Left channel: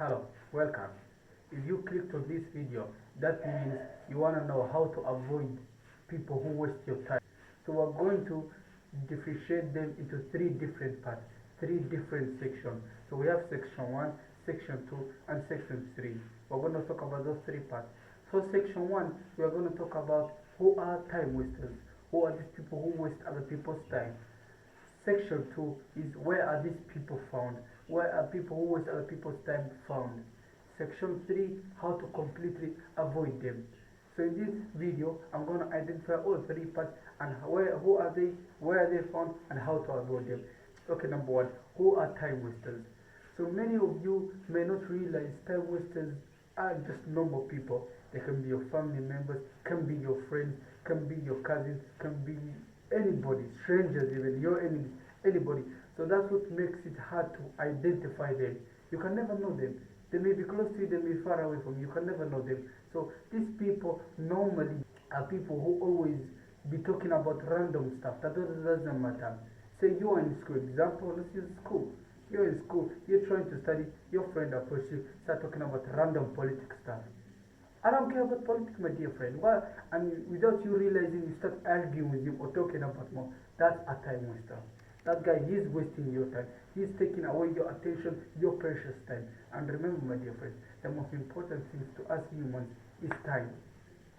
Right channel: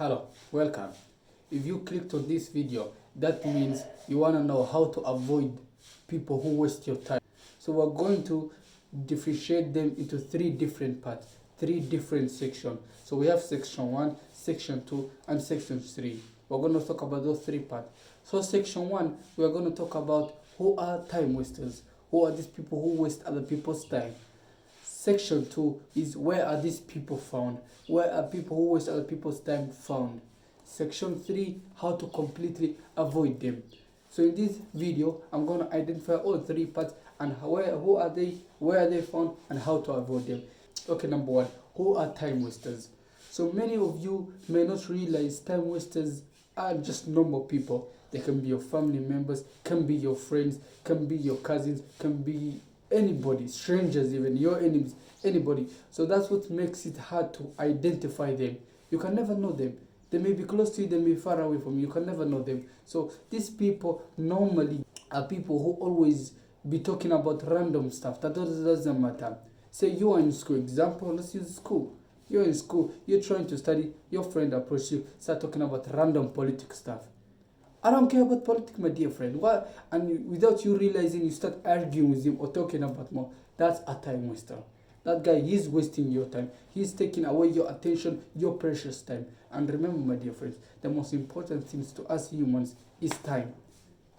Hello, welcome. If you clicked on this video, that means you want to know how to avoid people who waste your time. So we're going to differentiate them into three different parts, three different sections. So we have section 1, section 2, and section 3. We're going to talk about those three parts. So section 1, we are going to talk about who are time wasters. Who are these people who waste other people's time? Section 2 is where are these people found? Where are people who waste other people's time found? Section 3, how to completely avoid them. So in this video, I'm going to identify all three parts and who are they, where are they found, and how to avoid them. Okay, number 1, who are time wasters? So many of you may not realize time wasters are just normal people. They can be your family members, can be your friends, can be your cousins, can be anybody, strangers even, your enemies, anybody. So that's what makes it hard to identify them. You can never know them. They may be close to you, they may be far away from you. You can never know them. So these people normally are people who always be talking about random stuff. That doesn't matter. Say you are in school. Example, let's use school. You're in school, you're trying to study, your friend approaches you, start talking about random politics stuff. I don't care about politics, my dear friend. Why? And without you realizing, you start arguing with him or talking about more. That's a time waster. That guy, he's wasting your time. He's taking away your attention, your precious time. And remember, my dear friends, the most important things to us humans is time.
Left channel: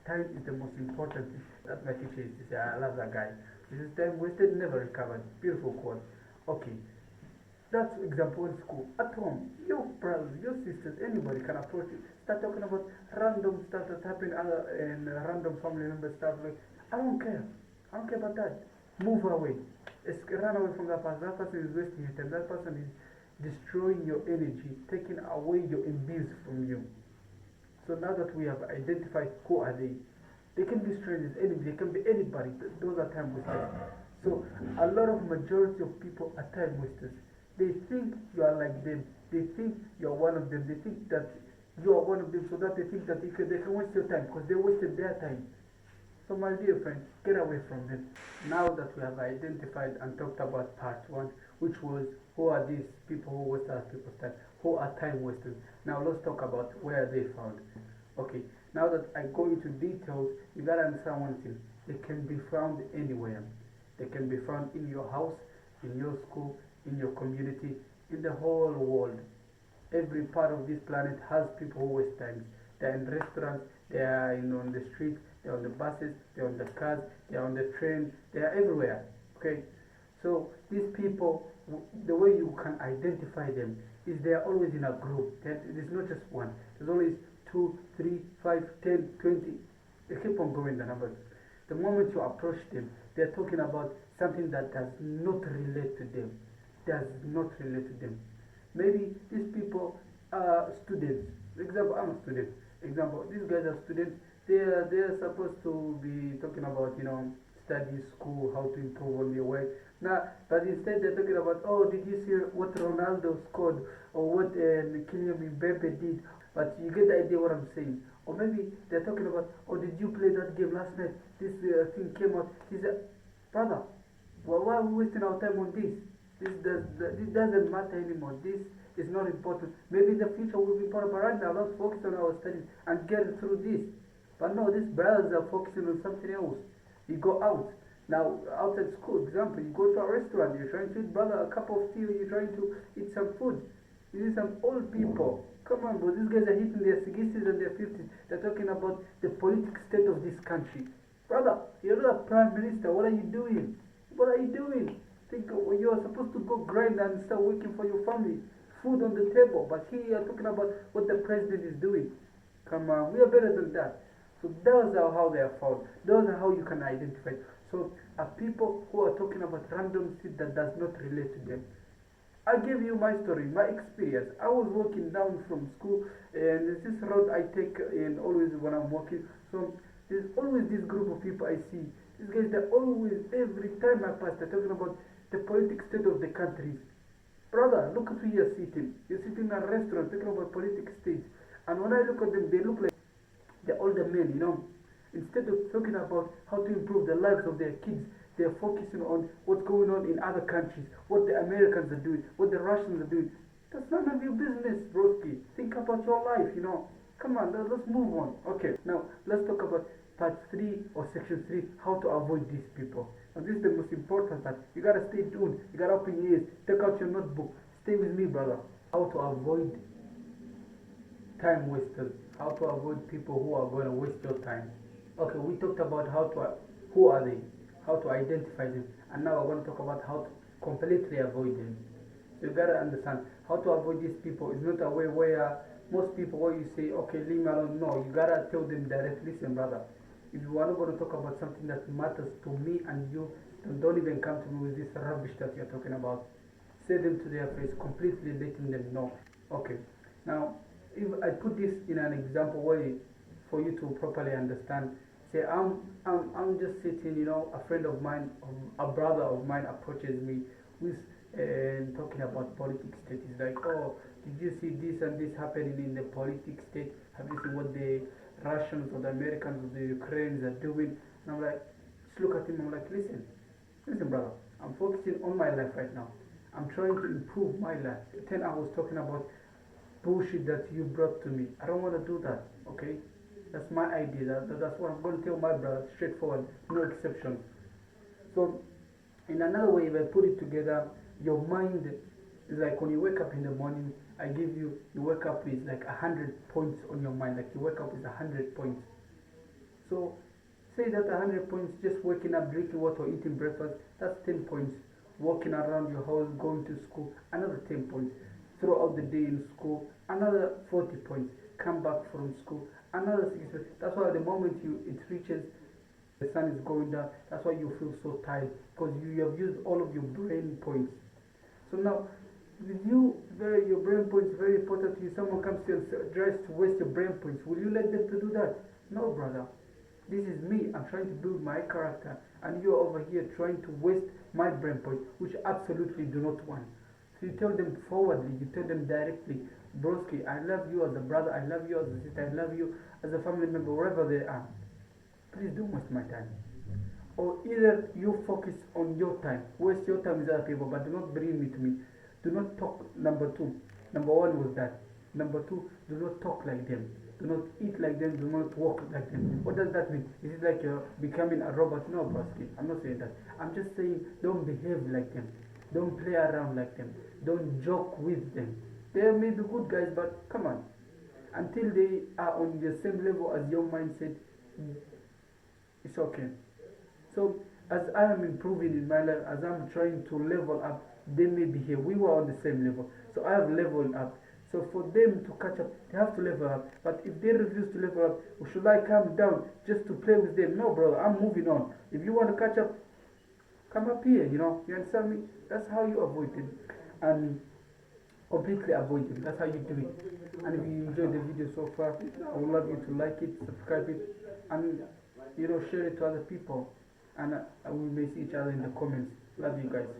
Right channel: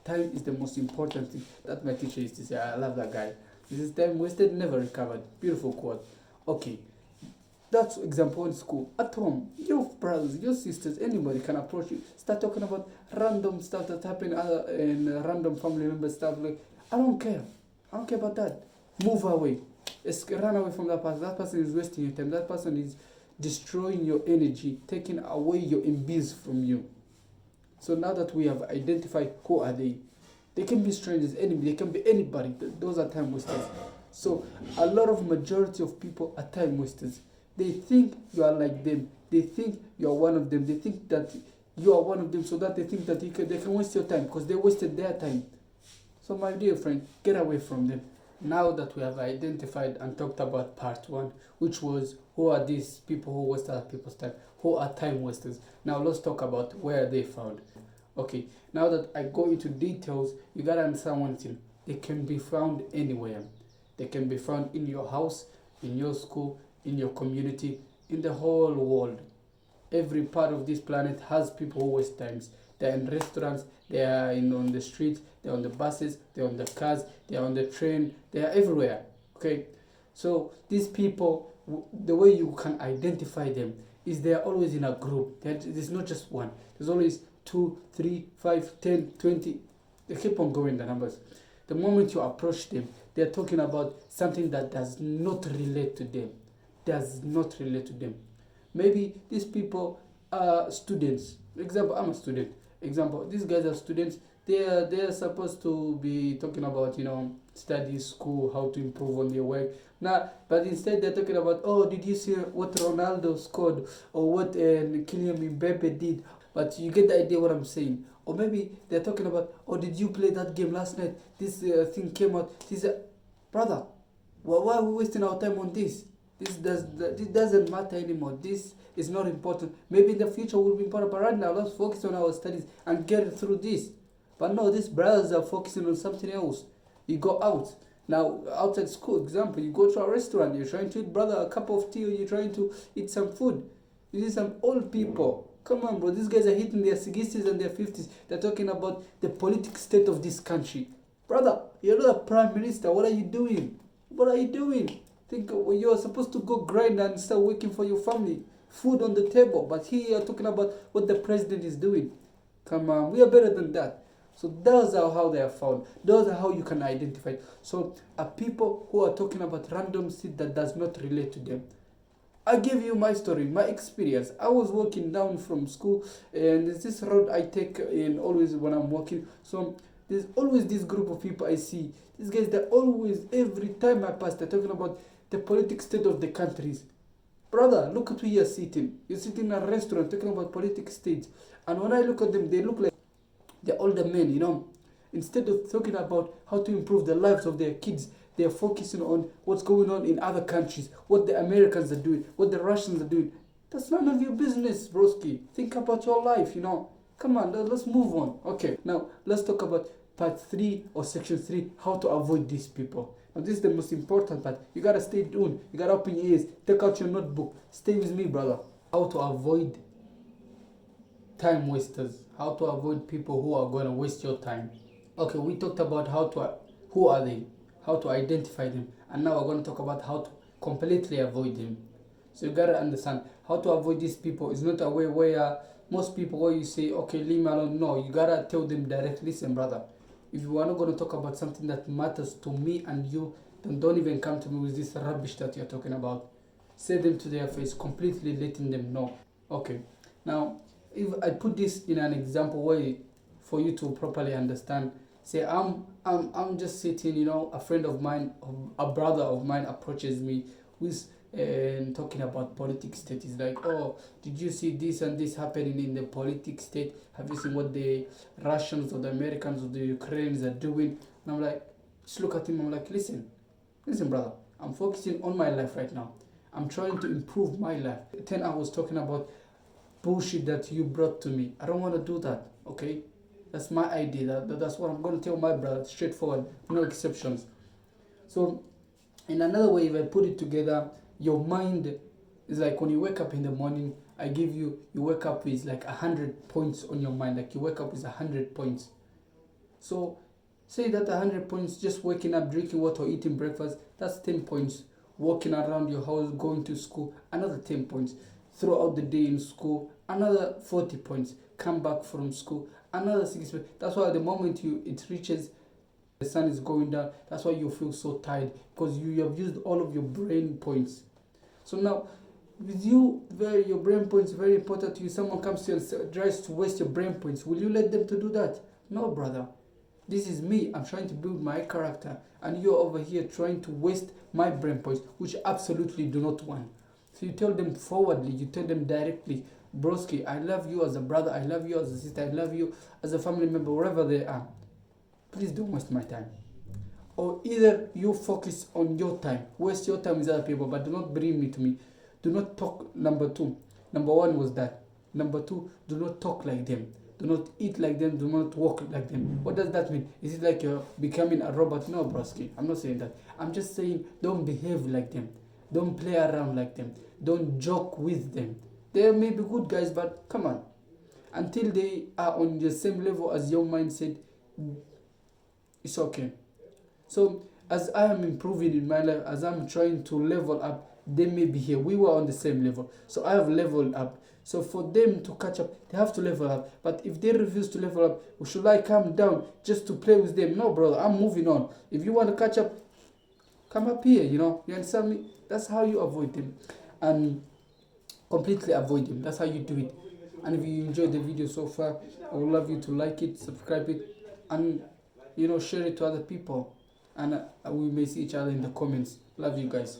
Time is the most important thing. That my teacher used to say. I love that guy. This is time wasted, never recovered. Beautiful quote. Okay. That's example in school. At home, your brothers, your sisters, anybody can approach you. Start talking about random stuff that's happening in random family member stuff. Like, I don't care. I don't care about that. Move away. Run away from that person. That person is wasting your time. That person is destroying your energy, taking away your MBs from you. So now that we have identified who are they can be strangers, enemy, they can be anybody. Those are time wasters. So a lot of majority of people are time wasters. They think you are like them. They think you are one of them. They think that you are one of them, so that they think that they can waste your time because they wasted their time. So my dear friend, get away from them. Now that we have identified and talked about part 1, which was who are these people who waste other people's time, who are time wasters. Now let's talk about where they found. Okay, now that I go into details, you gotta understand one thing. They can be found anywhere. They can be found in your house, in your school, in your community, in the whole world. Every part of this planet has people who waste times. They're in restaurants, they are on the streets, they're on the buses, they're on the cars, they're on the train, they are everywhere. Okay, so these people, the way you can identify them is they are always in a group. There's not just one. There's always 2, 3, 5, 10, 20. They keep on going, the numbers. The moment you approach them, they're talking about something that does not relate to them. Maybe these people are students. Example, I'm a student. Example, these guys are students. They are supposed to be talking about study, school, how to improve on their work. Now, but instead they're talking about, oh, did you see what Ronaldo scored or what Kylian Mbappe did? But you get the idea what I'm saying. Or maybe they're talking about, oh, did you play that game last night? This thing came out. Brother, why are we wasting our time on this? This doesn't matter anymore. This is not important. Maybe in the future will be important, but right now let's focus on our studies and get through this. But no, these brothers are focusing on something else. You go out. Now, outside school, example, you go to a restaurant, you're trying to eat, brother, a cup of tea, or you're trying to eat some food. You see some old people. Come on, bro, these guys are hitting their 60s and their 50s. They're talking about the political state of this country. Brother, you're not a prime minister. What are you doing? Think you're supposed to go grind and start working for your family. Food on the table. But here you're talking about what the president is doing. Come on, we are better than that. So those are how they are found. Those are how you can identify. So people who are talking about random shit that does not relate to them. I give you my story, my experience. I was walking down from school, and there's this road I take in always when I'm walking. So there's always this group of people I see. These guys, they're always, every time I pass, they're talking about the political state of the countries. Brother, look at where you're sitting. You're sitting in a restaurant talking about political state. And when I look at them, they look like they're older men. Instead of talking about how to improve the lives of their kids, they're focusing on what's going on in other countries, what the Americans are doing, what the Russians are doing. That's none of your business, broski. Think about your life, Come on, let's move on. Okay, now let's talk about part 3 or section 3, how to avoid these people. Now, this is the most important part. You gotta stay tuned. You gotta open your ears. Take out your notebook. Stay with me, brother. How to avoid time wasters. How to avoid people who are gonna waste your time. Okay, we talked about who are they, how to identify them, and now we're gonna talk about how to completely avoid them. So you gotta understand how to avoid these people. Is not a way where most people where you say, okay, leave me alone. No, you gotta tell them directly, listen, brother. If you are not gonna talk about something that matters to me and you, then don't even come to me with this rubbish that you're talking about. Say them to their face, completely letting them know. Okay. Now, if I put this in an example way for you to properly understand, say I'm just sitting, a friend of mine, a brother of mine approaches me with and talking about politics state. Is like, oh, did you see this and this happening in the politics state? Have you seen what the Russians or the Americans or the Ukrainians are doing? And I'm like, just look at him. I'm like, listen, brother, I'm focusing on my life right now. I'm trying to improve my life. 10 hours talking about bullshit that you brought to me. I don't want to do that. Okay, that's my idea. That's what I'm going to tell my brother, straightforward, no exceptions. So in another way, if I put it together, your mind is like when you wake up in the morning, you wake up with like 100 points on your mind. Like you wake up with 100 points. So say that 100 points, just waking up, drinking water, eating breakfast, that's 10 points. Walking around your house, going to school, another 10 points. Throughout the day in school, another 40 points. Come back from school, another 6 points. That's why the moment it reaches, the sun is going down, that's why you feel so tired, because you have used all of your brain points. So now, with you, your brain points very important to you. Someone comes to you and tries to waste your brain points. Will you let them to do that? No, brother. This is me. I'm trying to build my character, and you're over here trying to waste my brain points, which I absolutely do not want. So you tell them forwardly, you tell them directly, broski, I love you as a brother, I love you as a sister, I love you as a family member, wherever they are. Please don't waste my time. Or either you focus on your time, waste your time with other people, but do not bring me to me. Do not talk. Number 2. Number 1 was that. Number 2, do not talk like them. Do not eat like them. Do not walk like them. What does that mean? Is it like you're becoming a robot? No, broski. I'm not saying that. I'm just saying don't behave like them. Don't play around like them. Don't joke with them. They may be good guys, but come on. Until they are on the same level as your mindset, it's okay. So as I am improving in my life, as I'm trying to level up, they may be here. We were on the same level. So I have leveled up. So for them to catch up, they have to level up. But if they refuse to level up, should I come down just to play with them? No, brother, I'm moving on. If you want to catch up, come up here, You understand me? That's how you avoid them. And completely avoid them. That's how you do it. And if you enjoyed the video so far, I would love you to like it, subscribe it, and share it to other people. And we may see each other in the comments. Love you guys.